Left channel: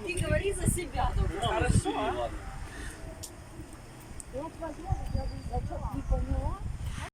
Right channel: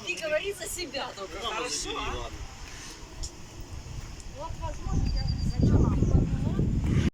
Ты говори за себя только. Хорошо. Вот, возможно, я бы зачем не поняла.